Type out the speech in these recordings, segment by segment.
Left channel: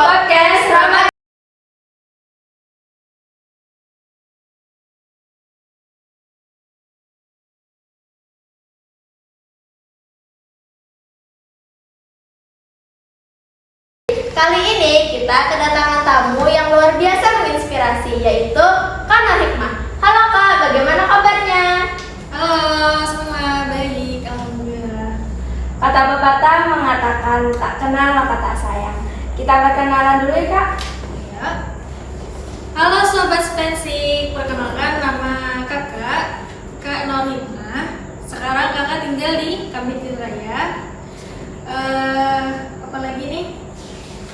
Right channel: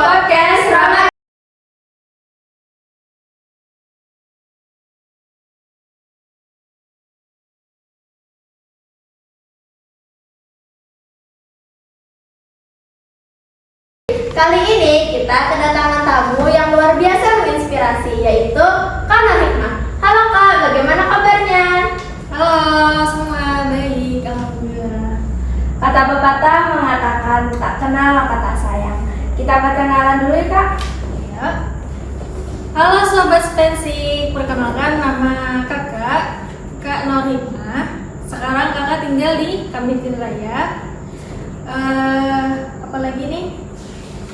podcast Ramadan. Kali ini kita kedatangan tamu yang luar biasa menginspirasi, yaitu Kak Nur Hikmah. Halo Kak, bagaimana kabarnya? Halo semua, baik, alhamdulillah. Kata pepatah mengatakan tak kenal maka tak sayang. Kita perkenalan dulu ya Kak. Ya. Halo sobat Spensik, perkenalkan nama kakak, Kak Nur Hikmah. Sekarang kakak tinggal di Kamitin Raya. Apa lagi nih?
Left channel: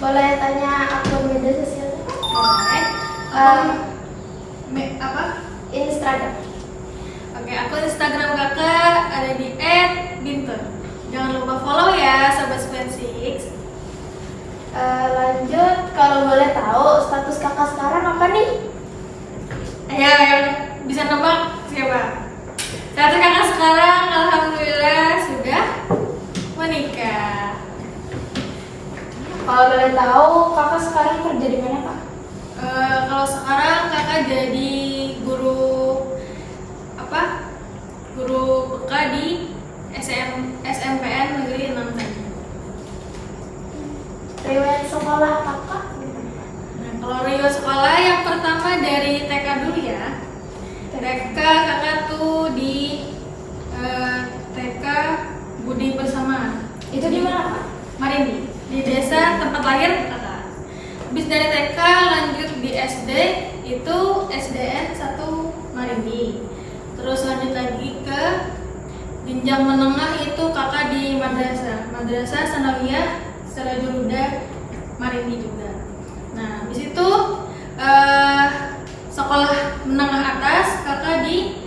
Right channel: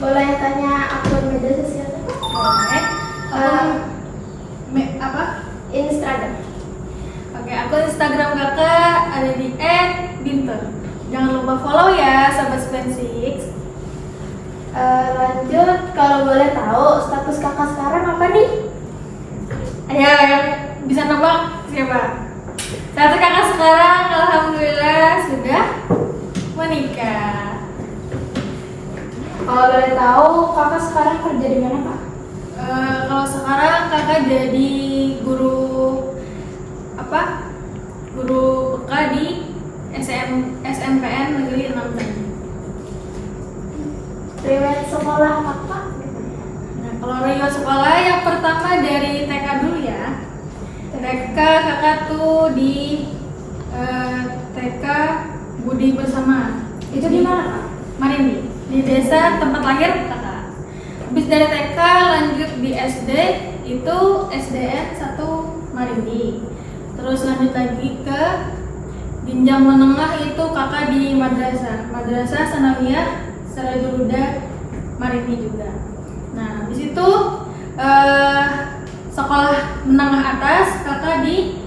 Boleh tanya akun media sosial Kak? Boleh. Apa? Instagram. Oke, akun Instagram kakak ada di @binter. Jangan lupa follow ya sobat Spensik. Lanjut, kalau boleh tahu status kakak sekarang apa nih? Ayo, yang bisa nebak siapa? Status kakak sekarang alhamdulillah sudah menikah. Kalau boleh tahu kakak sekarang kerja di mana Kak? Kalau sekarang kakak jadi guru guru PK di SMPN Negeri 6 Tanjung. Riwayat sekolah kakak? Nah, kalau riwayat sekolah yang pertama dari TK dulu ya. TK kakak tuh di TK Budi Bersama. Itu di mana Kak? Marindi, di desa tempat lahir kakak. Habis dari TK lanjut di SD itu SDN 1 Marindi. Terus lanjut lagi ke jenjang menengah itu kakak di Madrasah Sanawiyah Sirajul Huda Marindi juga. Nah, habis itu sekolah menengah atas kakak di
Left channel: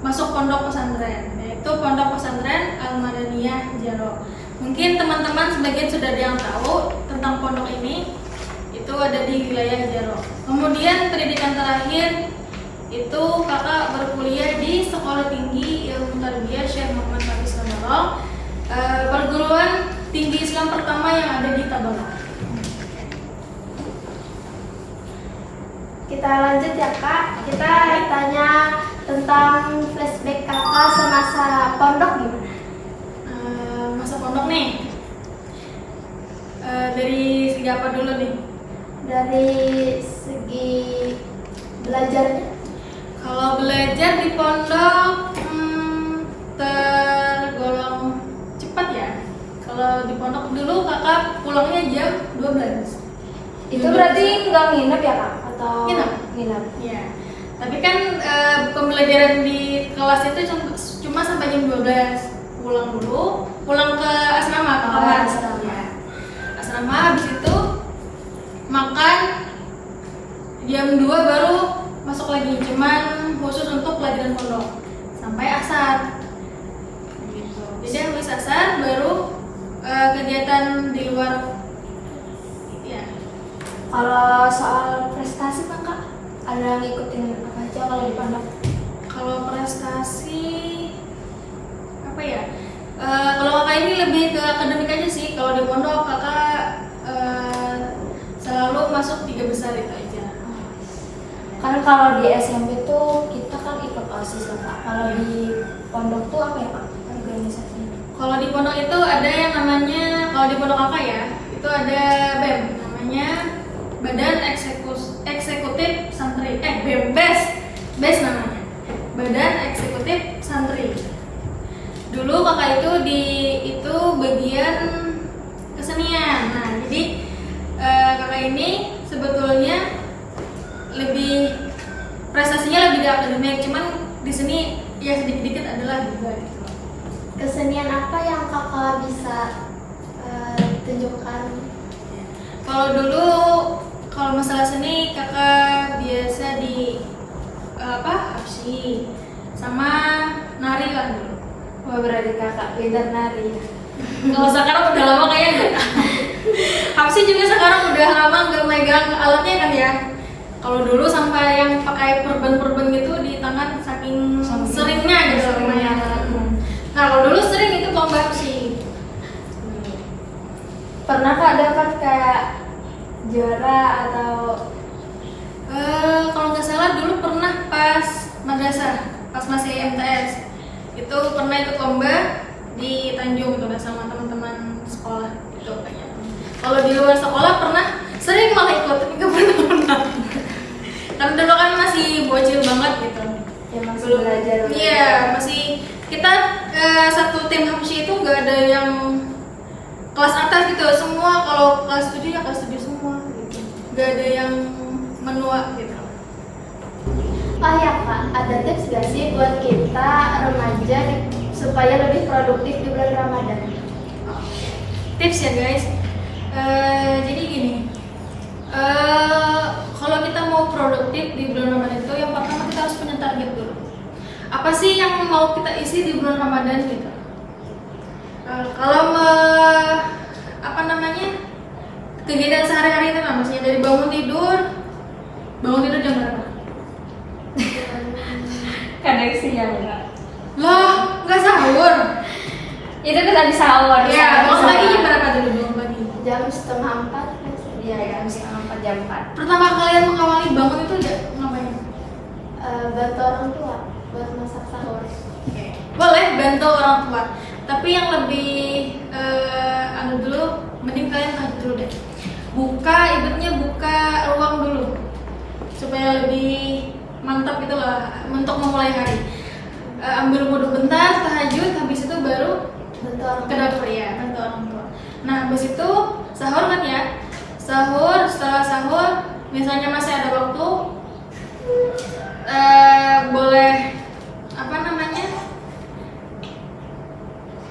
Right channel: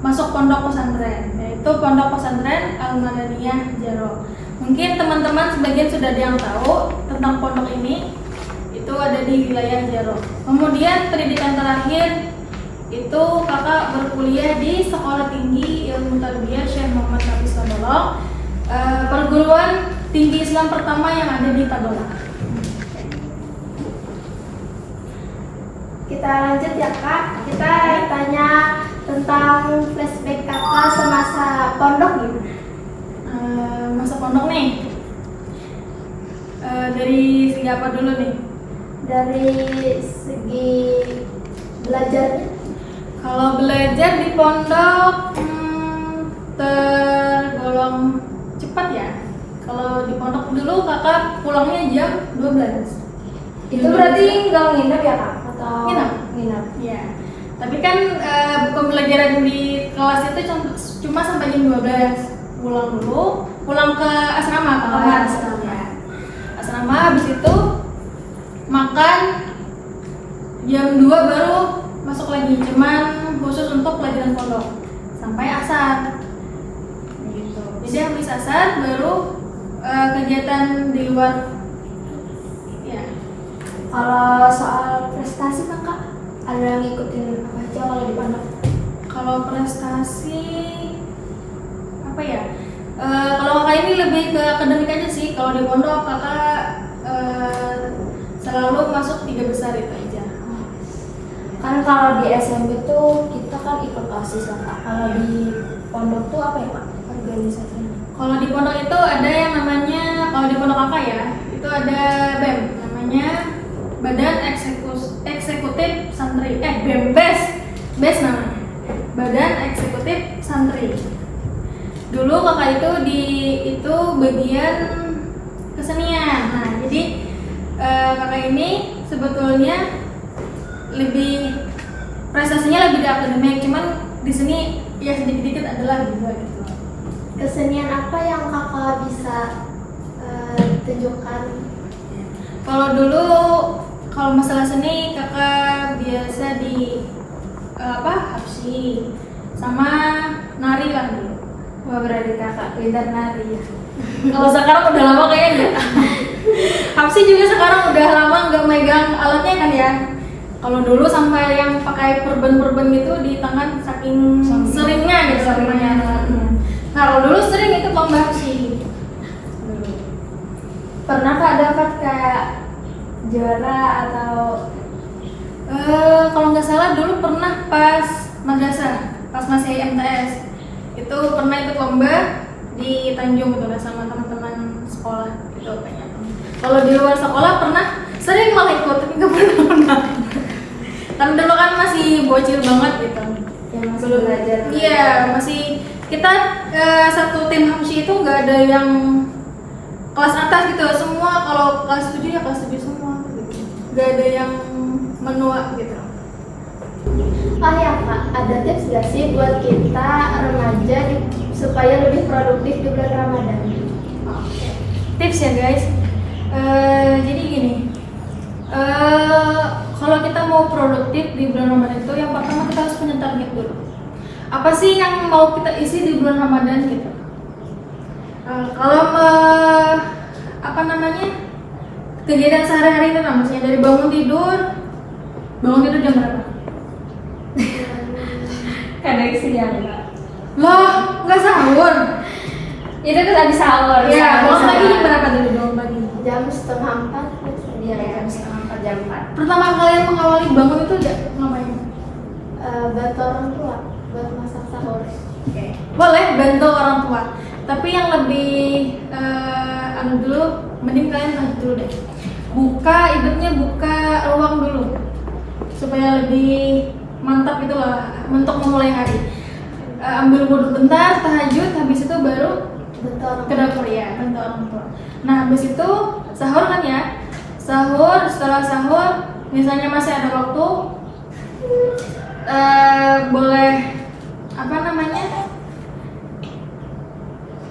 masuk pondok pesantren, yaitu Pondok Pesantren Al-Madaniyah Jaro. Mungkin teman-teman sebagian sudah ada yang tahu tentang pondok ini. Itu ada di wilayah Jaro. Kemudian pendidikan terakhir itu kakak berkuliah di Sekolah Tinggi Ilmu Tarbiyah Syekh Muhammad Hafiz Tabalong, perguruan tinggi Islam pertama yang ada di Tabalong. Kita lanjut ya Kak. Kita tanya tentang flashback kakak semasa pondok gimana? Masa pondok nih, dari segi apa dulu nih? Dari segi belajarnya? Kalau belajar di pondok tergolong cepat ya. Kalau di pondok dulu kakak pulangnya jam 12. Itu berarti nggak nginep ya Kak? Atau Nginep. Iya. Tapi kan pembelajaran di kelas itu cuma sampai jam 12. Pulang dulu, pulang ke asrama, ke kamar ya. Asrama, habis itu makan jam 2 baru masuk lagi, cuman khusus untuk pelajaran pondok sampai asar gitu. Jadi habis asar baru kegiatan di luar ya. Kalau soal prestasi Kak, ada yang ngikutin apa aja kalau di pondok? Kalau prestasi apa ya? Kalau kakak ini lebih ke akademik aja sih. Kalau di pondok kakak selalu masuk 3 besar itu aja. Kan kalau di SMP tuh kita kan ikut OSIS ya Kak. Kalau di pondok tuh apa ya Kak organisasinya? Kalau di pondok itu ada yang namanya, kalau di pondok kakak ya, itu ada BEM, namanya Badan Eksekutif Santri. BES namanya. Badan Eksekutif Santri. Dulu kakak itu bagian kesenian. Nah, jadi kakak ini sebetulnya lebih prestasinya lebih di akademik, cuman di sini ya sedikit-sedikit adalah juga gitu. Kesenian apa yang kakak bisa tunjukkan? Kalau masalah seni kakak biasa di hapsi sama nari lah dulu. Wah, berarti kakak pintar nari ya. Kalau sekarang udah lama kayaknya. Hapsi juga sekarang udah lama nggak megang alatnya kan ya. Kalau dulu sampai yang pakai perben gitu di tangan saking seringnya gitu lumayan. Nah, kalau dulu sering itu lomba hapsi. Pernah Kak dapat kayak juara atau Kalau nggak salah dulu pernah pas madrasah, pas masih MTS itu pernah ikut lomba di Tanjung gitu sama teman-teman sekolah itu kayaknya. Kalau di luar sekolah pernah sering malah ikut tapi nggak pernah menang. Kan dulu kan masih bocil banget gitu. ya masih Belum belajar? Iya, masih kita satu tim Hamsi itu nggak ada yang kelas atas gitu. Semua kalau kelas 7 ya kelas 7 semua gitu. Nggak ada yang menua gitu. Oh ya Kak, ada tips gak sih buat kita remaja supaya lebih produktif di bulan Ramadan? Oke. Tips ya guys. Jadi gini. Kalau kita mau produktif di bulan Ramadan itu yang pertama kita harus punya target dulu. Apa sih yang mau kita isi di bulan Ramadan gitu? Kalau kegiatan sehari-hari itu maksudnya dari bangun tidur jam berapa? Kadang siang Kak. Loh, nggak sahur? Itu kan habis sahur. Ya, bangun pagi jam berapa dulu bangun pagi? Jam 3:30. Iya, jam 3:30 jam 4. Pertama kalian mengawali bangun itu udah ngapain? Bantu orang tua buat masak sahur. Oke. Boleh bantu orang tua. Tapi yang lebih dulu, mending kalian tahajud dulu deh. Ibaratnya buka ruang dulu supaya lebih mantap gitu lah untuk memulai hari. Ambil wudhu bentar, tahajud, habis itu baru Bantu orang ke dapur ya, bantu orang tua. Nah habis itu sahur kan ya, setelah sahur misalnya masih ada waktu, boleh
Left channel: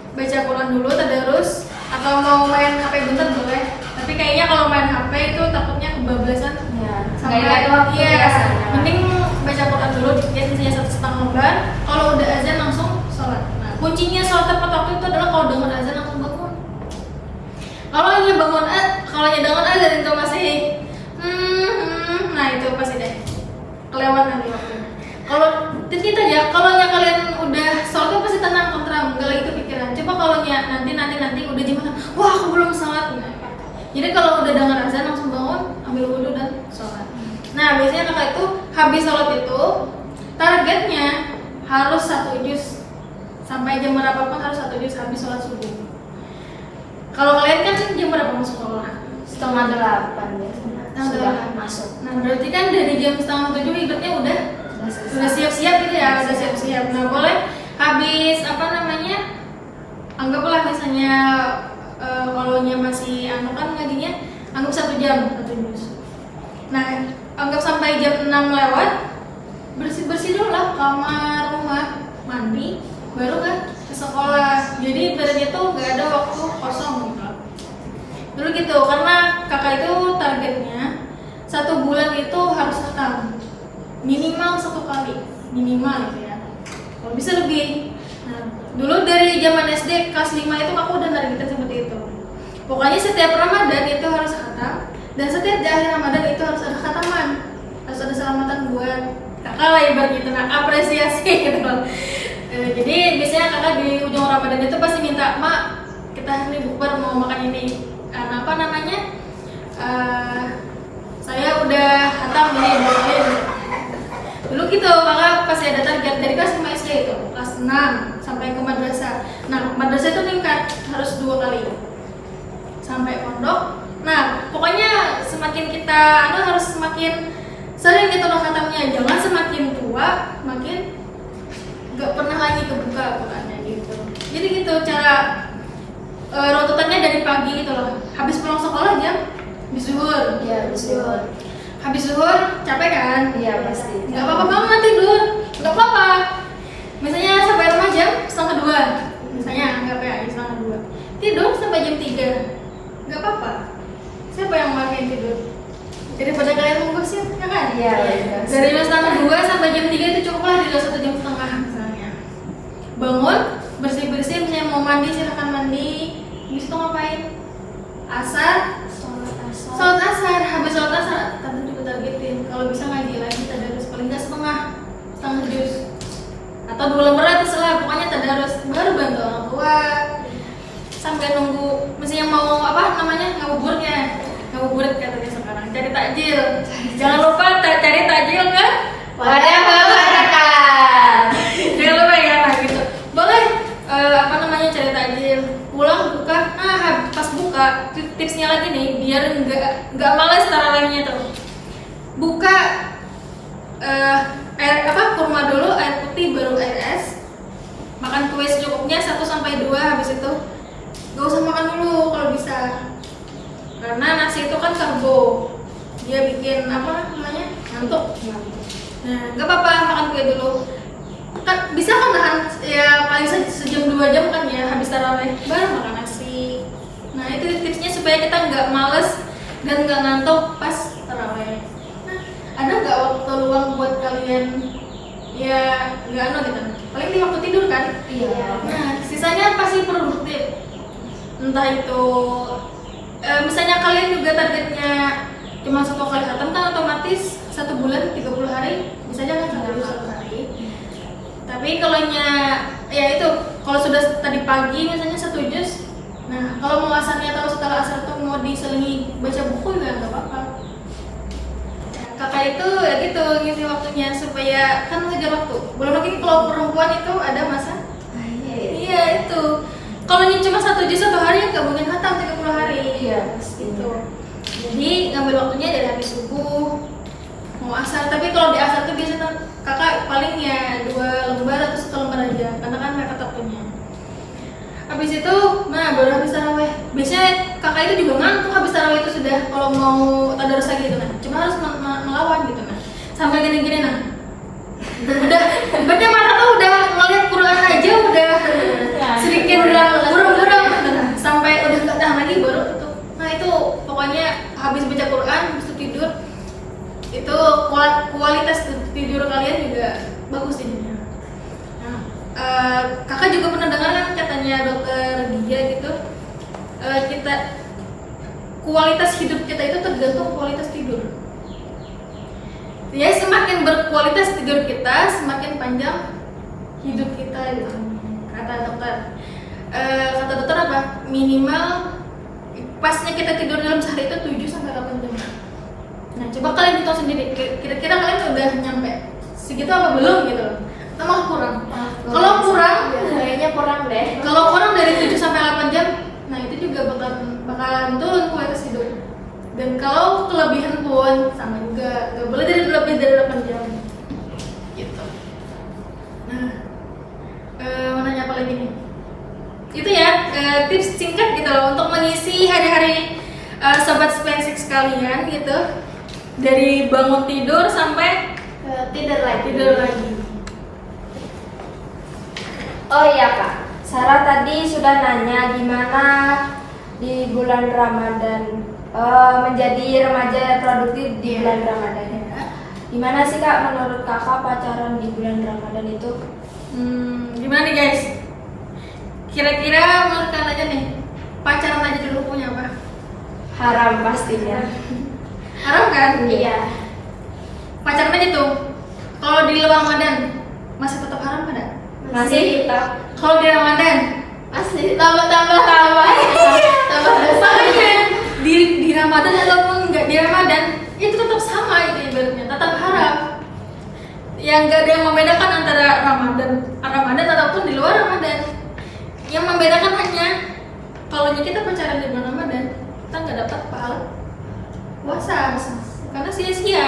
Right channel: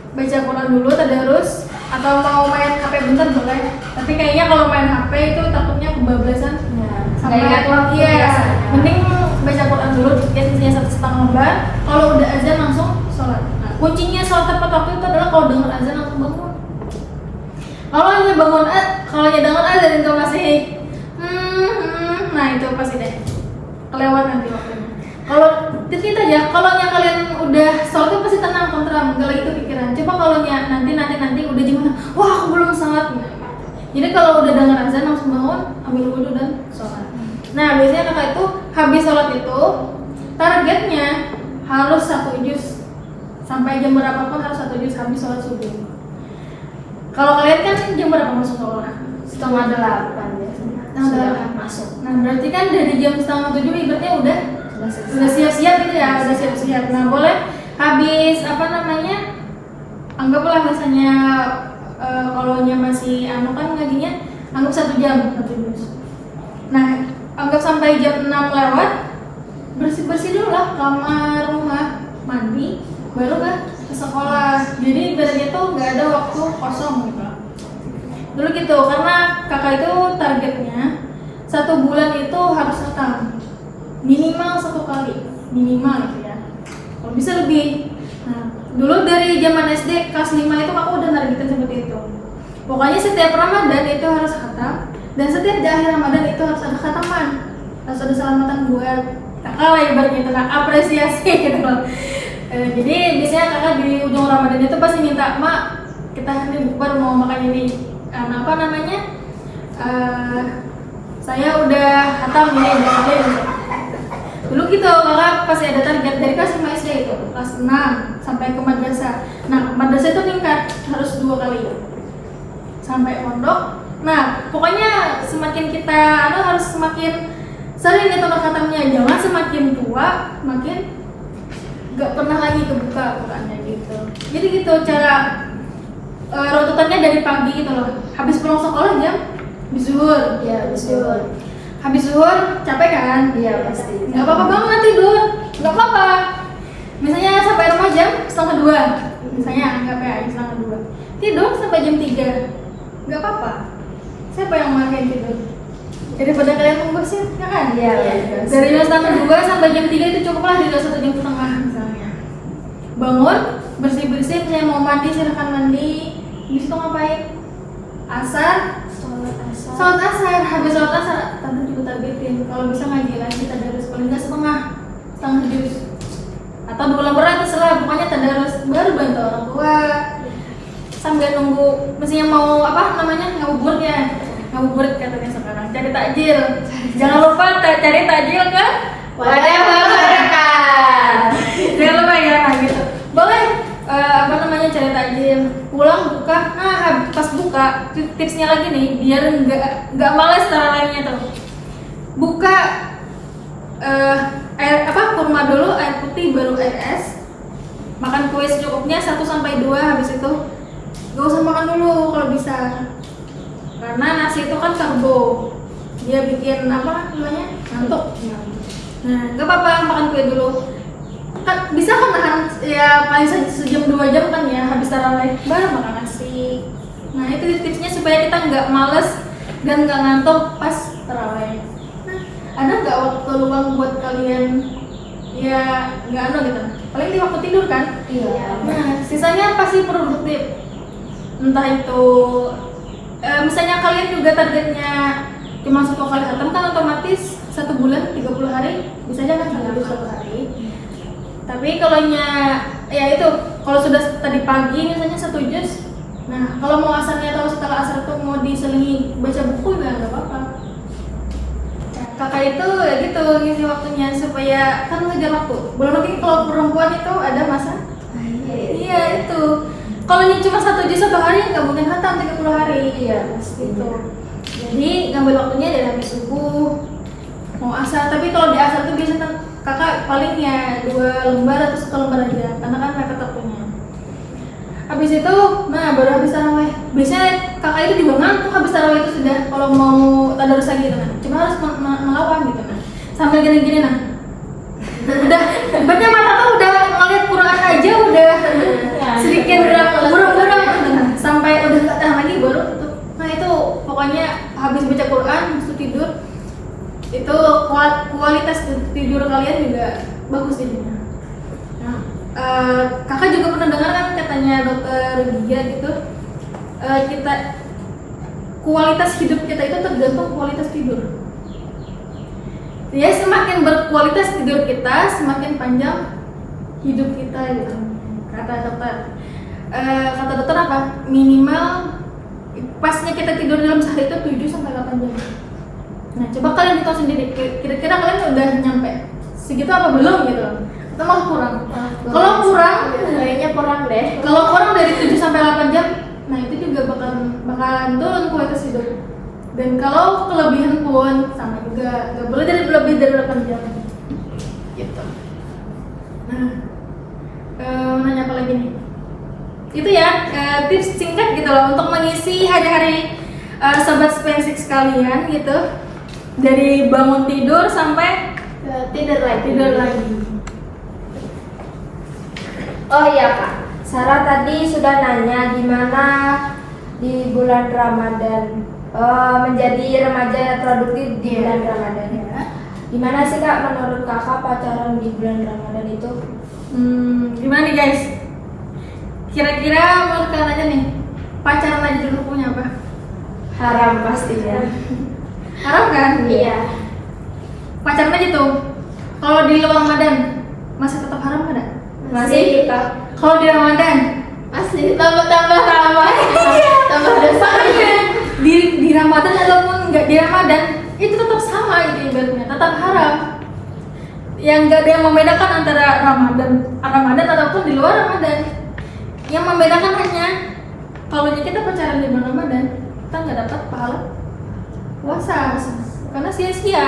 baca Quran dulu, tadarus, atau mau main HP bentar boleh. Tapi kayaknya kalau main HP itu takutnya kebablasan. Ya, Sampai nggak ingat waktu iya, biasanya. mending baca Quran dulu, dikit isinya 1,5 lembar. Kalau udah azan langsung sholat. Nah, kuncinya sholat tepat waktu itu adalah kalau dengar azan langsung bangun. Kalau dengar azan itu masih nah itu pasti deh kelewat nanti waktunya. Kalau titik aja, kalau kalian udah sholat itu pasti tenang, tentram, nggak lagi kepikiran. Coba kalau nanti udah gimana? Wah aku belum sholat. Jadi kalau udah dengar azan langsung bangun, ambil wudhu dan sholat. Nah biasanya kakak itu habis sholat itu targetnya harus 1 juz, sampai jam berapapun harus 1 juz habis sholat subuh. Kalau kalian kan jam berapa masuk sekolah? 7:30 biasanya. Sudah masuk. Nah berarti kan dari jam 6:30 ibaratnya udah siap-siap gitu ya, udah siap-siap. Nah boleh habis anggaplah misalnya kalau masih kan ngajinya anggap 1 jam 1 juz. Nah anggap sampai jam 6 lewat, bersih dulu lah kamar, rumah, mandi, baru ke sekolah. Jadi ibaratnya tuh nggak ada waktu kosong gitu dulu gitu, karena kakak itu targetnya 1 bulan itu harus khatam minimal 1 kali, minimal gitu ya, kalau bisa lebih. Nah dulu dari zaman SD kelas 5 itu aku udah nargetin seperti itu. Pokoknya setiap Ramadan itu harus khatam, dan setiap di akhir Ramadan itu harus ada khataman, harus ada selamatan buat kakak lah ibaratnya itu, apresiasi gitu loh. Jadi biasanya kakak di ujung Ramadan itu pasti minta, "Mak, kita hari ini bukber mau makan ini." Saya udah khatam ini dulu gitu. Kakak pasti ada target dari kelas 5 SD itu, kelas 6 sampai ke madrasah. Nah madrasah itu tingkat harus 2 kali sampai pondok. Nah pokoknya semakin kita harus semakin sering gitu khatamnya, jangan semakin tua makin gak pernah lagi kebuka Qurannya gitu. Jadi gitu cara runtutannya dari pagi gitu loh. Habis pulang sekolah jam zuhur. Iya, zuhur. Habis zuhur capek kan? Iya, pasti. Gak apa-apa banget tidur, gak apa-apa. Misalnya sampai rumah jam 1:30, misalnya anggap ya 1:30. Tidur sampai jam 3, gak apa-apa. Siapa yang makin tidur? Daripada kalian menggosip, ya kan? Iya. Dari jam 1:30 sampai jam 3 itu cukuplah, tidur 1,5 jam misalnya. Bangun, bersih-bersih, misalnya mau mandi silahkan mandi. Habis itu ngapain? Sholat asar. Habis sholat asar, tante juga targetin kalau bisa ngaji lagi tadarus paling nggak setengah juz atau 2 lembar terserah, pokoknya tadarus, baru bantu orang tua sambil nunggu misalnya mau ngabuburit katanya sekarang. cari takjil. Jangan lupa cari takjil kan? Wadah berberkah. Jangan lupa ya, nah gitu. Boleh cari takjil, pulang buka. Nah, pas buka tipsnya lagi nih, biar nggak males tarawihnya tuh. Buka kurma dulu, air putih baru air es. Makan kue secukupnya 1-2, habis itu gak usah makan dulu kalau bisa. Karena nasi itu kan karbo. Dia bikin ngantuk. Nah, nggak apa-apa makan kue dulu. Kan bisa kan nahan ya paling sejam 2 jam kan ya habis tarawih baru makan nasi. Nah, itu tipsnya supaya kita nggak males dan nggak ngantuk pas tarawih. Nah, ada nggak waktu luang buat kalian ya nggak gitu? Paling di waktu tidur kan? Iya. Nah, sisanya pasti produktif. Entah itu misalnya kalian juga targetnya cuma 1 kali khatam kan otomatis 1 bulan 30 hari bisa aja kan 1 hari. Tapi kalau ya itu kalau sudah tadi pagi misalnya 1 juz, nah kalau mau asarnya atau setelah asar tuh mau diselingi baca buku ya nggak apa-apa. Kakak itu ya gitu ngisi waktunya supaya kan ngejar waktu. Belum lagi kalau perempuan itu ada masa. Iya itu. Kalau ini cuma 1 juz 1 hari nggak mungkin khatam 30 hari. Iya gitu. Jadi ngambil waktunya dari habis subuh mau asar. Tapi kalau di asar tuh biasanya kakak paling ya 2 lembar atau 1 lembar aja karena kan mereka waktunya. Habis itu, nah baru habis tarawih. Biasanya kakak itu juga ngantuk habis tarawih itu sudah kalau mau tadarus lagi gitu nah. Cuma harus melawan gitu nah. Sambil gini-gini nah. Udah, berarti mata tuh udah ngeliat Quran aja udah sedikit burung-burung nah, sampai udah nggak tahan lagi baru tutup. Nah itu pokoknya habis baca Quran, habis tidur itu kualitas tidur kalian juga bagus jadinya. Nah, kakak juga pernah dengar kan katanya dokter Gia gitu, kita kualitas hidup kita itu tergantung kualitas tidur. Ya semakin berkualitas tidur kita, semakin panjang hidup kita gitu. Kata dokter. Kata dokter apa? Minimal pasnya kita tidur dalam sehari itu 7-8 jam. Nah, coba kalian hitung sendiri, kira-kira kalian udah nyampe segitu apa belum gitu loh? Atau malah kurang? Kalau kurang, kayaknya kurang deh. Kalau kurang dari 7-8 jam, nah itu juga bakalan turun kualitas hidup. Dan kalau kelebihan pun sama juga, gak boleh lebih dari 8 jam. Gitu. Nah, mau nanya apa lagi nih? Itu ya, tips singkat gitu loh untuk mengisi hari-hari sobat spesifik sekalian gitu. Dari bangun tidur sampai Tidur lagi. Oh iya Kak, Sarah tadi sudah nanya gimana di bulan Ramadan menjadi remaja yang produktif di bulan Ramadan ya. Gimana sih Kak menurut Kakak pacaran di bulan Ramadan itu? Gimana nih guys? Kira-kira menurut kalian aja nih, pacaran aja dulu punya apa? Haram pastinya. Haram kan? Iya. Pacaran aja tuh. Kalau di luar Ramadan masih tetap haram kan? Masih Kalau di Ramadan Masih tambah tambah dosa. di Ramadan ataupun nggak di Ramadan itu tetap sama itu ibaratnya, tetap haram. Yang nggak ada yang membedakan antara Ramadan ataupun di luar Ramadan. Yang membedakan hanya kalau kita pacaran di bulan Ramadan kita nggak dapat pahala puasa karena sia-sia.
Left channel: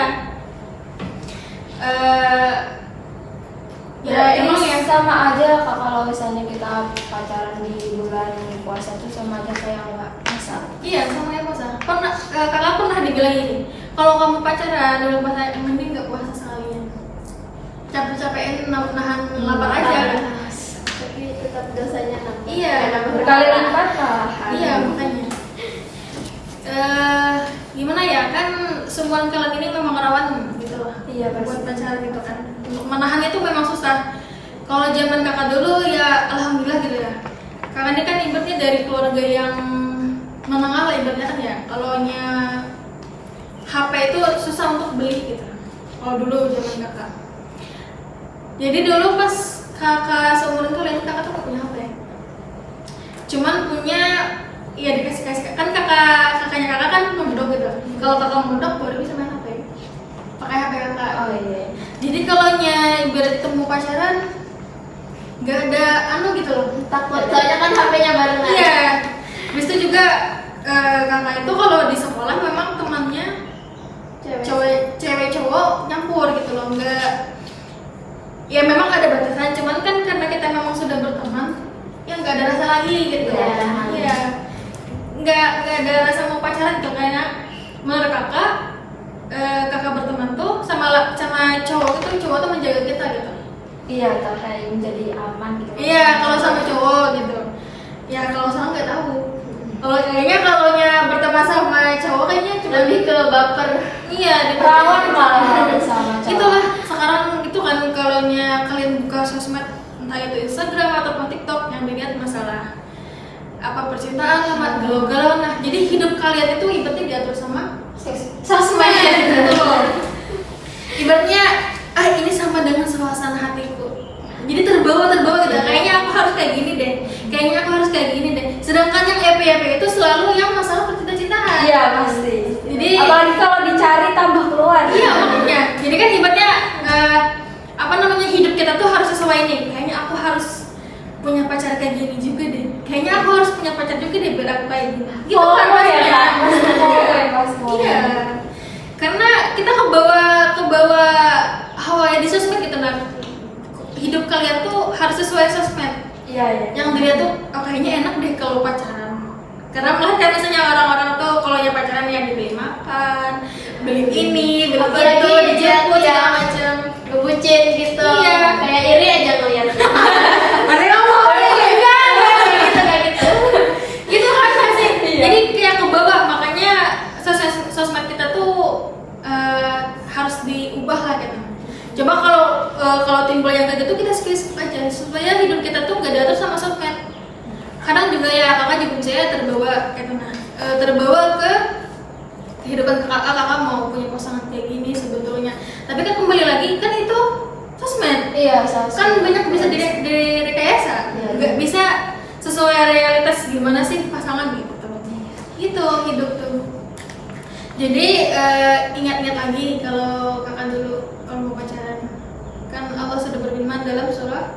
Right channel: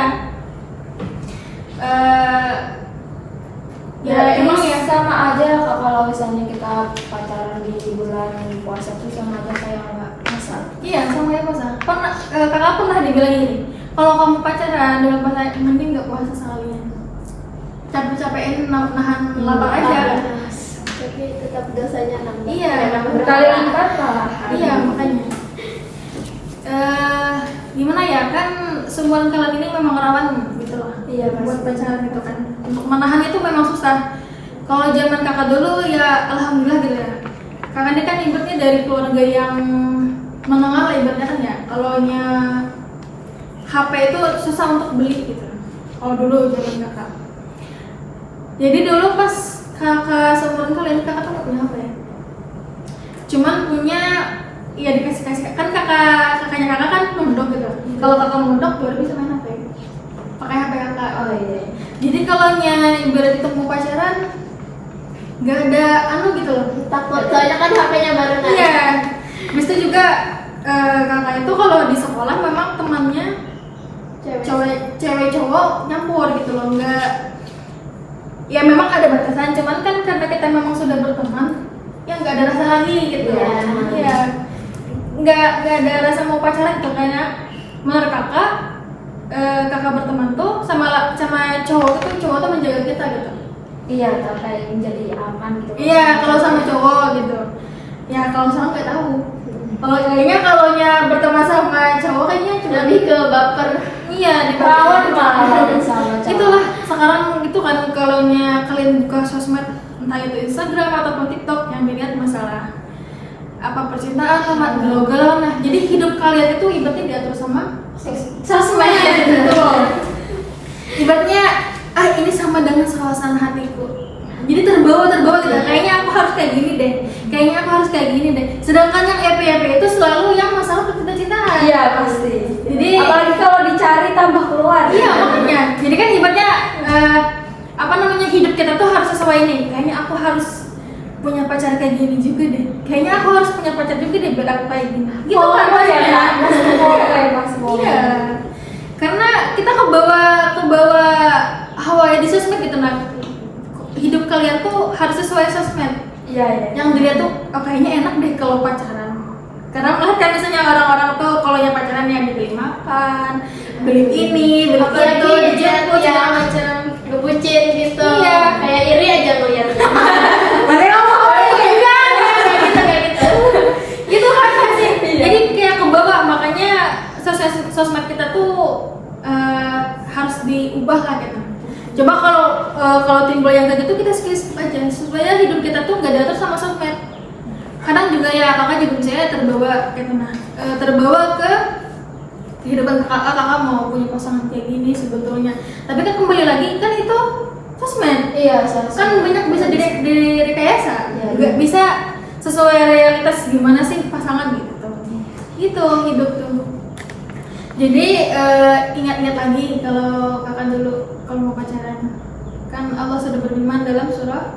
Ya emang ya sama aja Kak, kalau misalnya kita pacaran di bulan puasa itu sama aja kayak nggak puasa. Iya sama ya puasa. Kakak pernah dibilang gini, kalau kamu pacaran di bulan puasa mending nggak puasa sekalian. Capek-capekin nahan lapar aja. Tapi tetap dosanya nambah. Iya, Berkali lipat lah. Iya makanya. Gimana ya kan seumuran kalian ini memang rawan gitu lah. Iya, pasti. Buat pacaran gitu kan. Untuk menahan itu memang susah. Kalau zaman kakak dulu ya alhamdulillah gitu ya. Kakak ini kan ibaratnya dari keluarga yang menengah lah ibaratnya kan ya. Kalau HP itu susah untuk beli gitu. Kalau dulu zaman kakak. Jadi dulu pas kakak seumuran kalian kakak tuh gak punya HP. Cuman punya ya dikasih kan kakaknya kakak kan mondok gitu. Kalau kakak mondok kalau ibarat kita mau pacaran nggak ada gitu loh, Takut soalnya kan HP-nya barengan. iya. Habis itu juga kakak itu kalau di sekolah memang temannya cewek cowok nyampur gitu loh, nggak, ya memang ada batasan, cuman kan karena kita memang sudah berteman ya nggak ada rasa lagi gitu. Iya. Nggak ada rasa mau pacaran gitu, karena menurut kakak berteman tuh sama cowok tuh menjaga kita gitu. Iya, atau kayak menjadi aman gitu. Iya, kalau sama cowok gitu. Ya kalau sama nggak tahu. Kalau kayaknya berteman sama cowok kayaknya cuma Lebih ke baper. iya di Perawan malah sama cowok. Itulah sekarang itu kan kalau kalian buka sosmed entah itu Instagram ataupun TikTok yang dilihat masalah apa percintaan sama galau-galau. Nah, jadi hidup kalian itu ibaratnya diatur sama sosmed gitu loh. Ibaratnya ini sama dengan suasana hatiku. Jadi terbawa gitu. Kayaknya aku harus kayak gini deh. Kayaknya aku harus kayak gini deh. Sedangkan yang EP itu selalu yang masalah percintaan. Iya, pasti. Jadi apalagi kalau dicari tambah keluar. iya makanya. Jadi kan ibaratnya hidup kita tuh harus sesuai nih. Kayaknya aku harus punya pacar kayak gini juga deh. Kayaknya aku harus punya pacar juga deh biar aku kayak gini. Gitu kan maksudnya. Iya. Karena kita kebawa hawa ya di sosmed gitu. Nah, hidup kalian tuh harus sesuai sosmed. Iya. Yang dilihat tuh kayaknya enak deh kalau pacaran. Karena melihat kan misalnya orang-orang tuh kalau yang pacaran yang dibeli makan, beli ini, beli itu, dijemput segala macam, ngebucin gitu. Iya. Kayak iri aja ngeliat. Mereka mau kayak gitu. Gitu kan pasti. Jadi kayak ke bawah, makanya sosmed kita tuh harus diubah lah gitu. Coba kalau timbul yang kayak gitu kita skip aja supaya hidup kita tuh nggak diatur sama sosmed. Kadang juga ya kakak juga misalnya terbawa ke kehidupan kakak mau punya pasangan kayak gini sebetulnya. Tapi kan kembali lagi kan itu sosmed. Iya, sosmed. Kan banyak bisa direkayasa. Iya. Nggak bisa sesuai realitas gimana sih pasangan gitu. Gitu hidup tuh. Jadi ingat-ingat lagi kalau kakak dulu kalau mau pacaran, kan Allah sudah berfirman dalam surah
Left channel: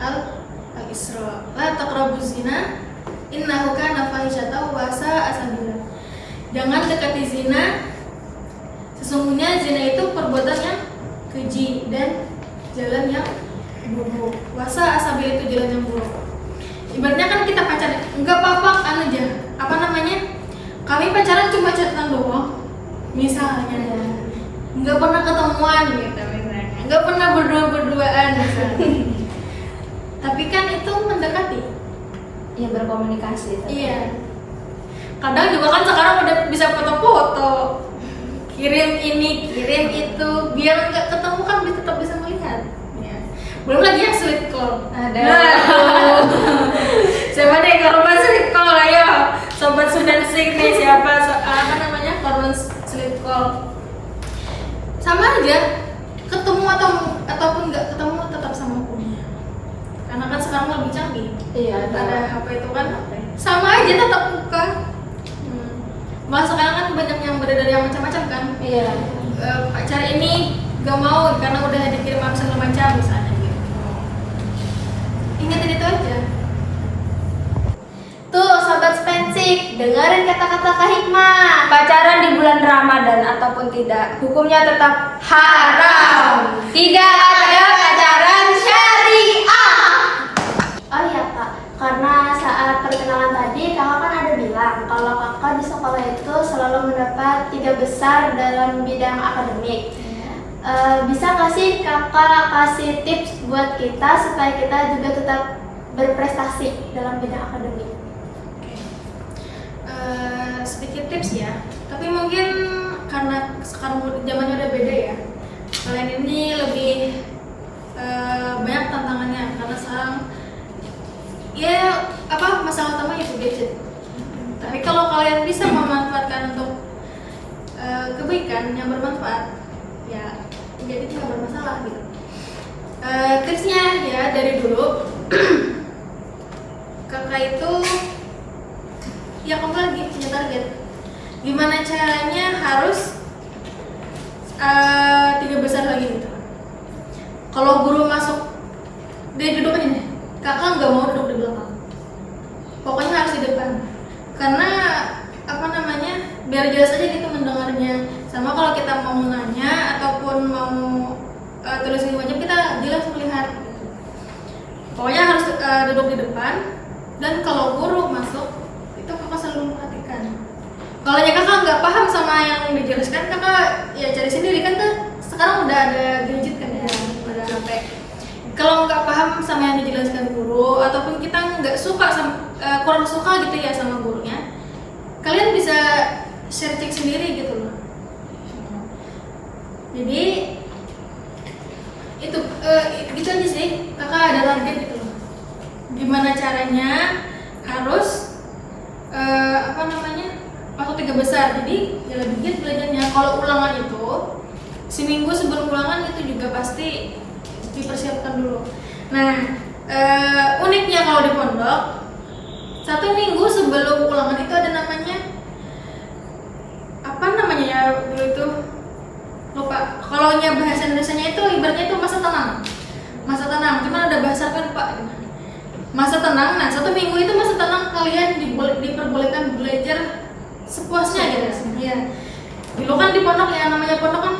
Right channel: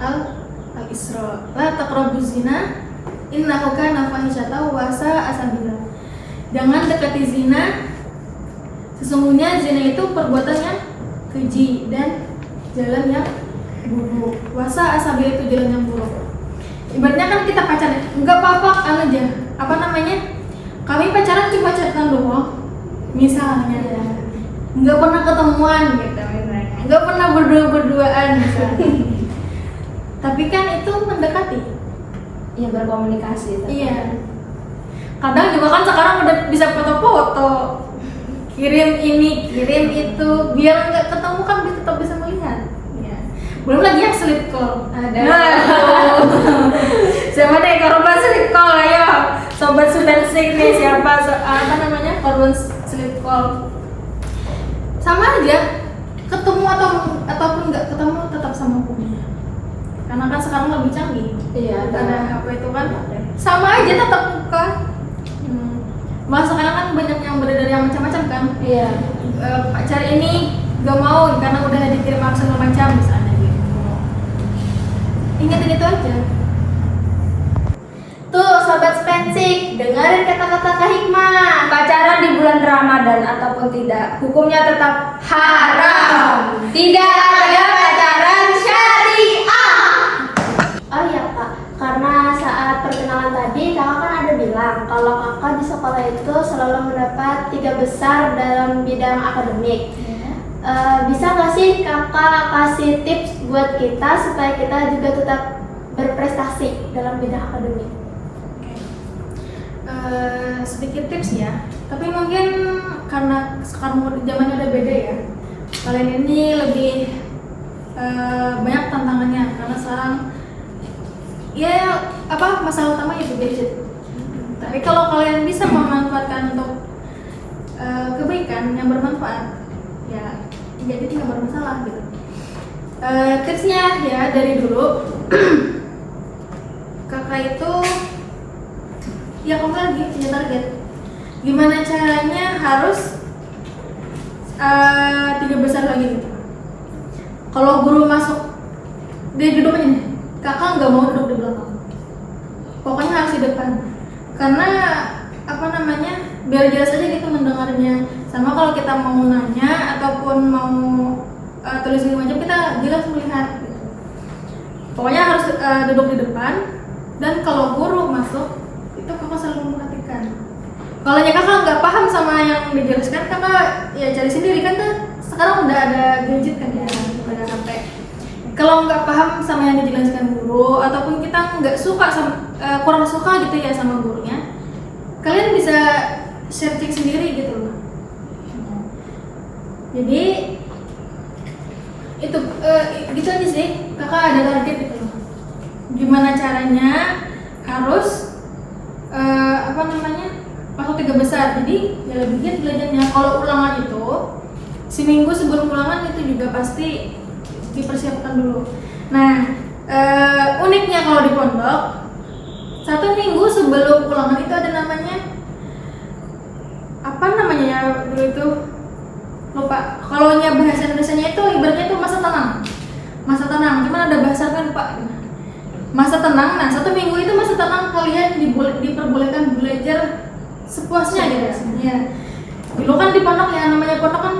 Al-Isra, la taqrabuz zina innahu kana fahisyatan wa sa'a sabila. Jangan dekati zina, sesungguhnya zina itu perbuatan yang keji dan jalan yang buruk. Wa sa'a sabila itu jalan yang buruk. Ibaratnya kan kita pacaran, enggak apa-apa aja. Kami pacaran cuma chatan doang. Misalnya. Enggak pernah ketemuan gitu misalnya. Enggak pernah berduaan misalnya. Tapi kan itu mendekati. Iya, berkomunikasi. Iya. Kadang juga kan sekarang udah bisa foto-foto. Kirim ini, kirim itu, biar nggak ketemu kan tetap bisa melihat. Ya. Belum lagi yang sleep call. Ada. Siapa deh korban sleep call, ayo. Sobat Sudensing nih siapa korban sleep call. Sama aja, ketemu ataupun nggak ketemu tetap sama hukumnya. Karena kan sekarang lebih canggih. Iya, Ada apa itu kan? Sama aja tetap muka. Malah sekarang kan banyak yang beredar yang macam-macam kan. Iya. Pacar ini gak mau karena udah dikirim segala macam misalnya gitu. Ingatin itu aja. Tuh sobat Spensik, dengerin kata-kata Kak Hikmah. Pacaran di bulan Ramadan ataupun tidak, hukumnya tetap haram. Tidak ada pacaran syariah. Oh iya Kak, karena saat perkenalan tadi kakak kan ada bilang kalau kakak di sekolah itu selalu mendapat 3 besar dalam bidang akademik. Bisa nggak sih kakak kasih tips buat kita supaya kita juga tetap berprestasi dalam bidang akademik? Sedikit tips ya, tapi mungkin karena sekarang zamannya udah beda ya. Kalian ini lebih banyak tantangannya karena sekarang ya masalah utamanya itu gadget. Tapi kalau kalian bisa memanfaatkan untuk kebaikan yang bermanfaat, ya jadi tidak bermasalah gitu. Tipsnya ya dari dulu kakak itu ya kamu lagi punya target. Gimana caranya harus 3 besar lagi gitu. kalau guru masuk di duduk ini, kakak nggak mau duduk di belakang, pokoknya harus di depan, karena apa namanya, biar jelas aja gitu mendengarnya. Sama kalau kita mau nanya ataupun mau tulisin wajib, kita jelas melihat gitu. Pokoknya harus duduk di depan. Dan kalau guru masuk itu kakak selalu memperhatikan. Kalau kakak nggak paham sama yang dijelaskan, kakak ya cari sendiri kan. Sekarang udah ada gadget kan ya, udah HP. Kalau nggak paham sama yang dijelaskan guru, ataupun kita nggak suka sama, kurang suka gitu ya sama gurunya, kalian bisa searching sendiri gitu loh. Jadi itu gitu aja sih, kakak ada target gitu loh. Gimana caranya harus apa namanya, masuk 3 besar. Jadi ya lebih giat belajarnya. Kalau ulangan itu seminggu sebelum ulangan itu juga pasti dipersiapkan dulu. Nah uniknya kalau di pondok, 1 minggu sebelum ulangan itu ada namanya apa namanya ya dulu itu, lupa. Kalau bahasa Indonesianya itu ibaratnya itu masa tenang. Masa tenang, cuman ada bahasa kan lupa. Masa tenang. Nah 1 minggu itu masa tenang, kalian diperbolehkan belajar sepuasnya gitu. Ya. Dulu kan di pondok, yang namanya pondok kan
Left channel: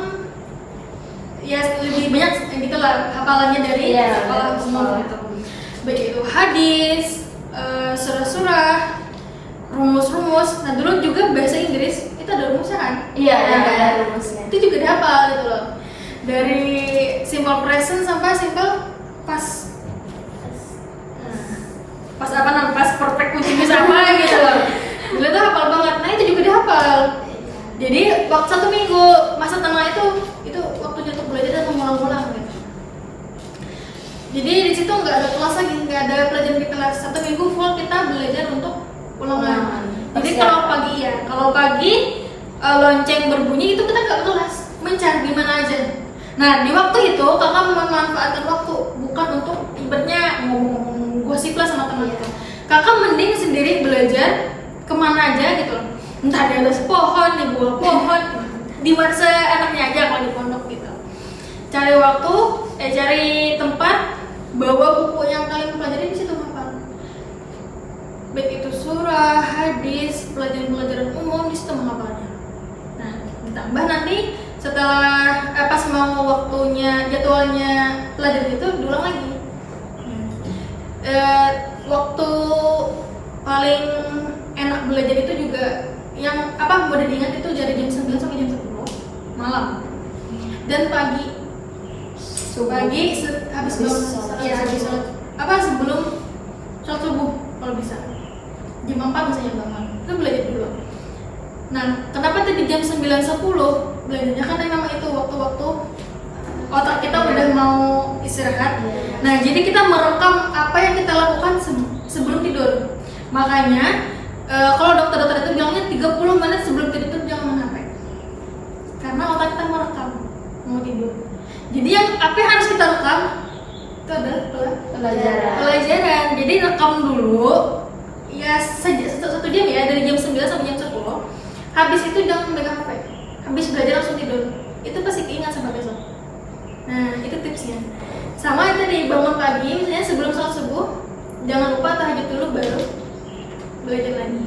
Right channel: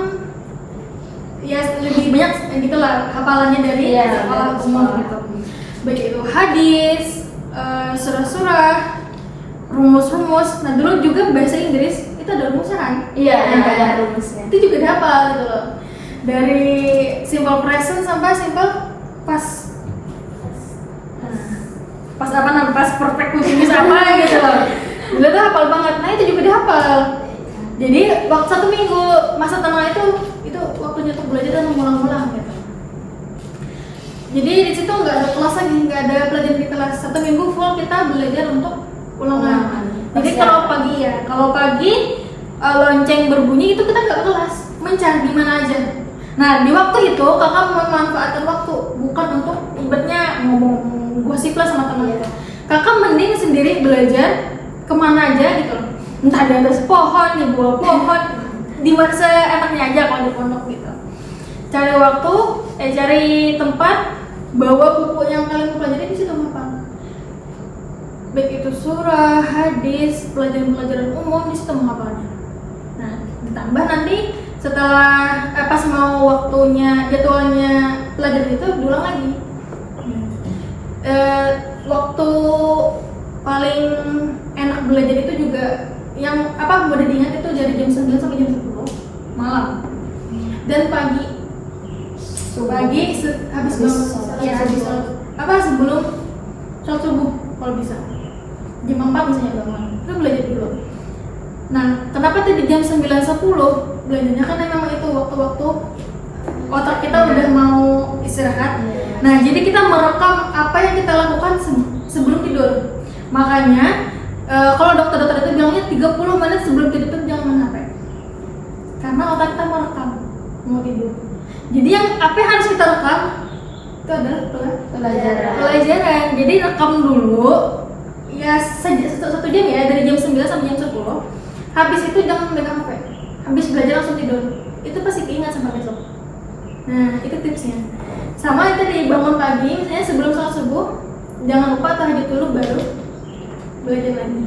ya lebih banyak gitu lah hafalannya dari sekolah umum gitu. Baik itu hadis, surah-surah, rumus-rumus. Nah dulu juga bahasa Inggris itu ada rumusnya kan? Iya, ada rumusnya. Itu juga dihafal gitu loh. Dari simple present sampai simple past. Pas apa namanya, pas perfect continuous apa gitu loh. Dulu tuh hafal banget. Nah itu juga dihafal. Jadi waktu 1 minggu masa tenang itu waktunya untuk belajar dan mengulang-ulang gitu. Jadi di situ nggak ada kelas lagi, nggak ada pelajaran di kelas. 1 minggu full kita belajar untuk ulangan. Jadi kalau pagi lonceng berbunyi itu kita nggak ke kelas, mencari gimana aja. Nah di waktu itu kakak memanfaatkan waktu, bukan untuk ibaratnya ngomong gosip lah sama teman itu. Kakak mending sendiri belajar kemana aja gitu loh. Entah di atas pohon, di bawah pohon, di mana seenaknya aja kalau di pondok gitu. Cari waktu, cari tempat, bawa buku yang kalian pelajari di situ hafal. Baik itu surah, hadis, pelajaran-pelajaran umum di situ menghafalnya. Nah, ditambah nanti setelah pas mau waktunya, jadwalnya pelajaran itu diulang lagi. Waktu paling enak belajar itu juga yang mudah diingat itu dari jam 9 sampai jam 10 malam. Dan pagi habis bangun sebelum sholat subuh kalau bisa. Jam 4 misalnya bangun, itu belajar dulu. Nah, kenapa tadi jam 9.10 belajarnya? Karena memang itu waktu-waktu otak kita udah mau istirahat. Nah, jadi kita merekam apa yang kita lakukan sebelum tidur. Makanya kalau dokter-dokter itu bilangnya 30 menit sebelum tidur itu jangan main HP. Karena otak kita merekam mau tidur. Jadi yang apa yang harus kita rekam itu adalah pelajaran. Jadi rekam dulu ya 1 jam ya, dari jam 9 sampai jam 10. Habis itu jangan megang HP. Habis belajar langsung tidur. Itu pasti keingat sampai besok. Nah, itu tipsnya. Sama itu dari bangun pagi, misalnya sebelum sholat subuh, jangan lupa tahajud dulu baru belajar lagi.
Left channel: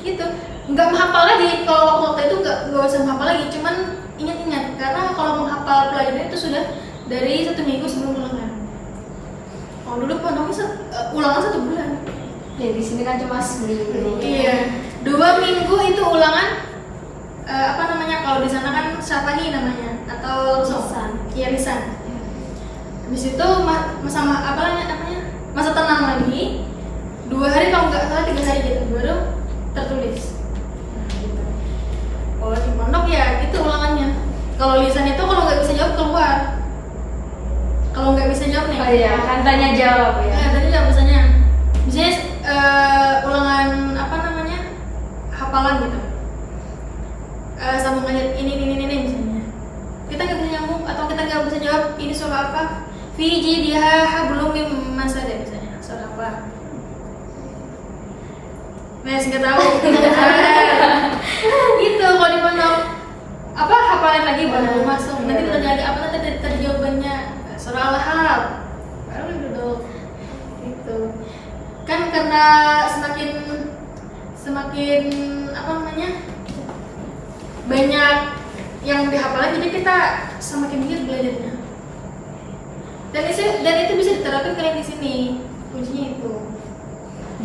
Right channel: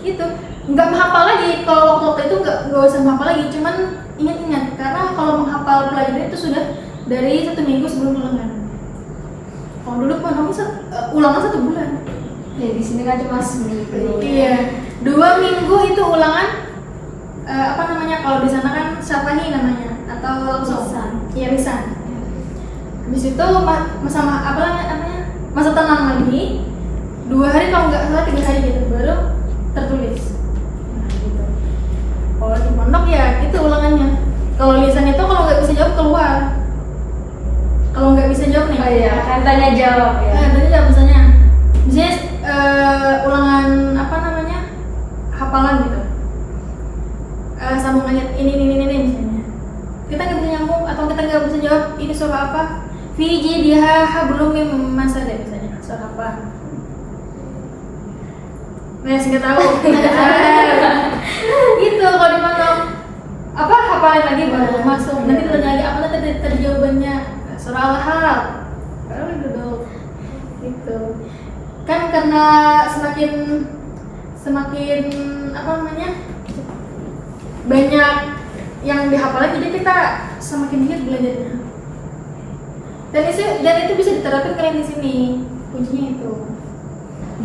Gitu. Nggak menghafal lagi. Kalau waktu itu nggak usah menghafal lagi, cuman ingat-ingat. Karena kalau menghafal pelajaran itu sudah dari 1 minggu sebelum ulangan. Kalau dulu ulangan 1 bulan. Ya di sini kan cuma seminggu. Iya. 2 minggu itu ulangan. Kalau di sana kan syafani namanya atau langsung. Iya, lisan. Habis itu masa tenang lagi 2 hari, kalau nggak salah 3 hari gitu baru tertulis. Nah gitu. Kalau di pondok ya gitu ulangannya. Kalau lisan itu kalau nggak bisa jawab keluar. Kalau nggak bisa jawab nih. Oh iya, kan tanya jawab ya. Tanya jawab misalnya ulangan hafalan gitu. Sambung ayat ini misalnya. Kita nggak bisa nyambung atau kita nggak bisa jawab ini surah apa? Fi jidha hablum mim masad misalnya. Surah apa? Nah, nggak tahu. Gitu kalau di pondok. Hafalan lagi baru masuk. Nanti ditanya lagi apa tadi jawabannya. surah Al-Halal baru duduk gitu kan, karena semakin apa namanya banyak yang dihafal, jadi kita semakin giat belajarnya, dan itu bisa diterapkan kalian di sini, kuncinya itu.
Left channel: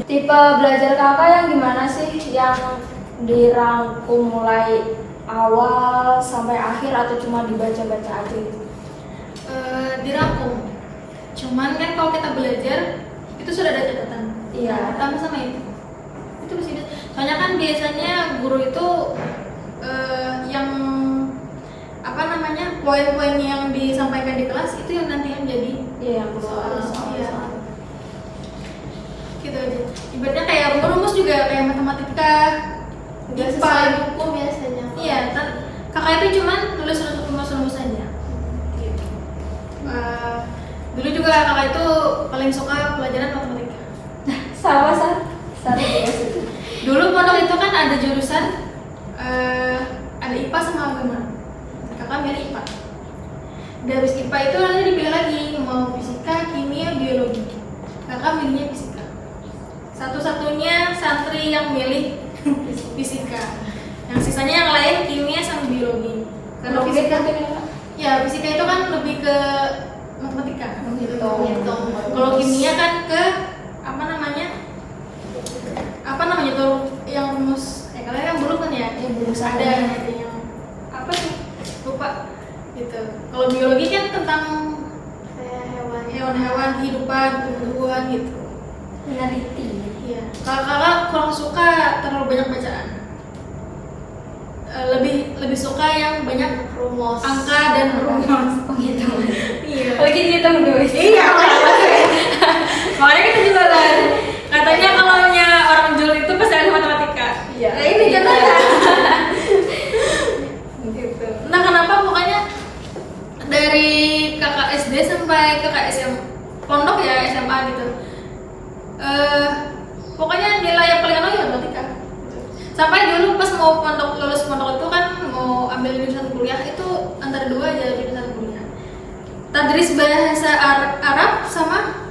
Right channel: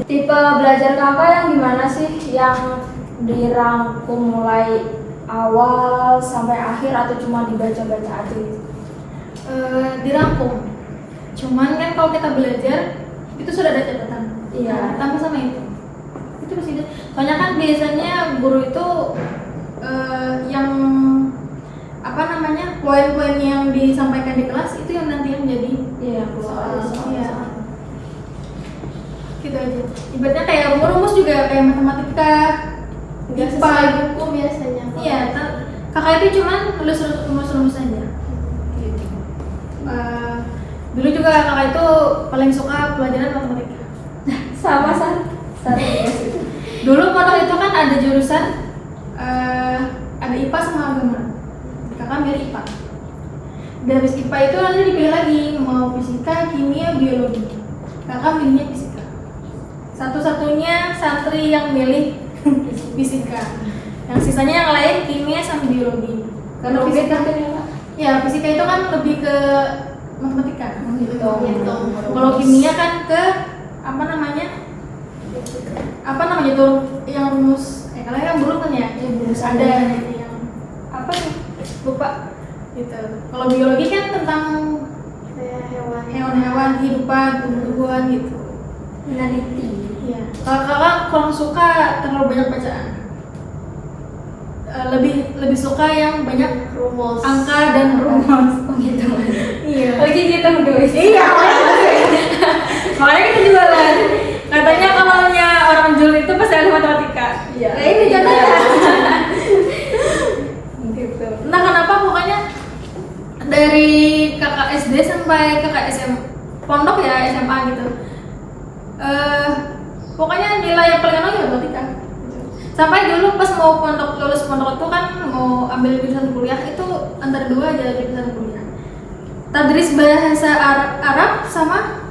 Tipe belajar kakak yang gimana sih? Yang dirangkum mulai awal sampai akhir atau cuma dibaca-baca aja gitu? Dirangkum. Cuman kan kalau kita belajar itu sudah ada catatan. Iya. Nah, tambah sama itu. Itu pasti. Soalnya kan biasanya guru itu yang apa namanya poin-poin yang disampaikan di kelas itu yang nanti menjadi soal. Iya. Gitu aja. Ibaratnya kayak rumus-rumus juga kayak matematika. Nggak sesuai buku biasanya. Iya, kakak itu cuman nulis rumus-rumus saja. Gitu. Dulu juga kakak itu paling suka pelajaran matematika. Sama Sar juga situ. Dulu pondok itu kan ada jurusan ada IPA sama agama. Kakak milih IPA. Dan habis IPA itu nanti dipilih lagi mau fisika, kimia, biologi. Kakak milihnya fisika. Satu-satunya santri yang milih fisika. Yang sisanya yang lain kimia sama biologi. Karena fisika ya fisika itu kan lebih ke matematika. Gitu. Kalau kimia kan ke apa namanya tuh yang rumus kalian kan belum kan ya? Belum Ada yang apa nih lupa gitu. Kalau biologi kan tentang Kayak hewan-hewan, kehidupan, tumbuhan gitu. Meneliti. Iya. Kalau kakak kurang suka terlalu banyak bacaan. Lebih suka yang banyak rumus. angka dan rumus. Oh gitu. Iya. Lagi kita menulis. Iya. Makanya kita jualan. Katanya kalau orang jual itu pasti ahli matematika. Iya. Nah, ini contohnya. Gitu. Nah, kenapa pokoknya dari kakak SD sampai kakak pondok ya, SMA gitu. Pokoknya nilai yang paling enak matematika. Sampai dulu pas mau lulus pondok itu kan mau ambil jurusan kuliah itu antara dua aja jurusan kuliah. Tadris bahasa Arab sama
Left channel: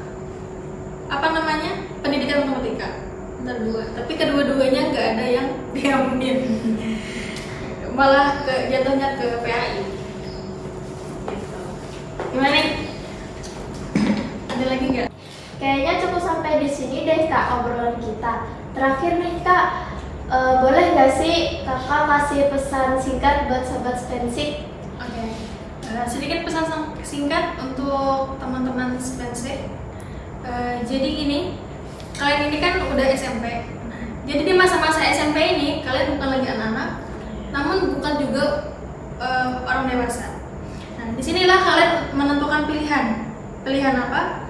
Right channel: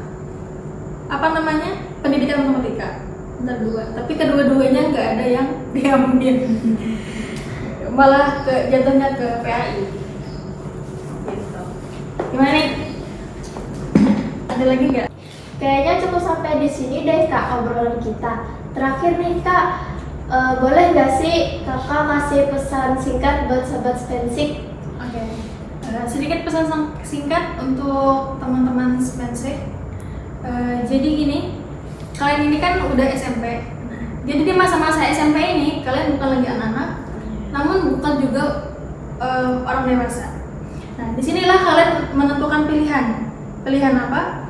apa namanya pendidikan matematika antara dua. Tapi kedua-duanya nggak ada yang diambil. Malah jatuhnya ke PAI. Gitu. Gimana nih? Ada lagi nggak? Kayaknya cukup sampai di sini deh Kak obrolan kita. Terakhir nih Kak, boleh nggak sih Kakak kasih pesan singkat buat sobat Spensik? Oke. Sedikit pesan singkat untuk teman-teman Spensik. Jadi gini, kalian ini kan udah SMP. Jadi di masa-masa SMP ini kalian bukan lagi anak-anak, namun bukan juga orang dewasa. Nah, disinilah kalian menentukan pilihan. Pilihan apa?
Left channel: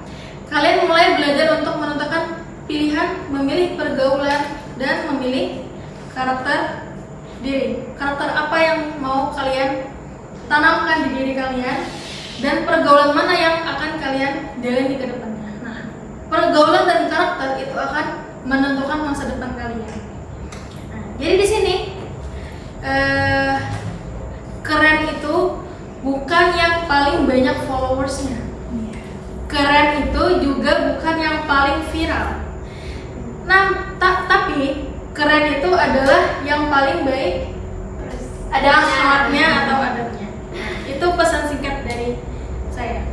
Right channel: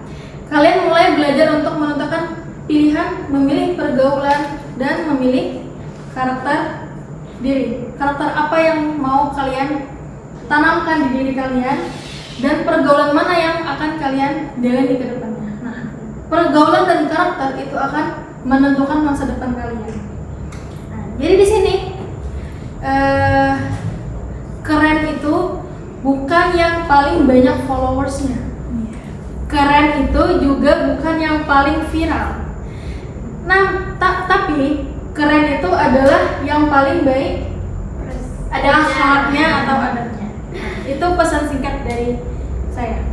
Kalian mulai belajar untuk menentukan pilihan, memilih pergaulan, dan memilih karakter diri. Karakter apa yang mau kalian tanamkan di diri kalian, dan pergaulan mana yang akan kalian jalani ke depannya. Nah, pergaulan dan karakter itu akan menentukan masa depan kalian. Nah, jadi di sini keren itu bukan yang paling banyak followersnya. Keren itu juga bukan yang paling viral. Nah, tapi keren itu adalah yang paling baik ada akhlaknya atau adabnya. Itu pesan singkat dari saya.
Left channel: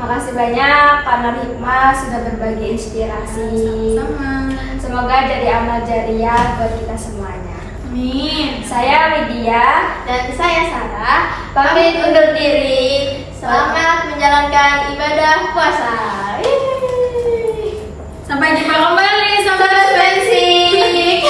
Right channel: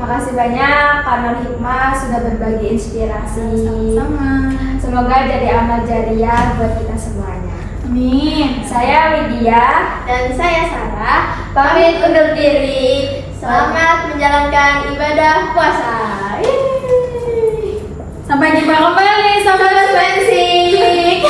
Makasih banyak Kak Nur Hikmah sudah berbagi inspirasi. Sama-sama. Semoga jadi amal jariah buat kita semuanya. Amin. Saya Widya. Dan saya Sarah, pamit undur diri. Selamat menjalankan ibadah puasa. Sampai jumpa kembali, Sobat Spensik.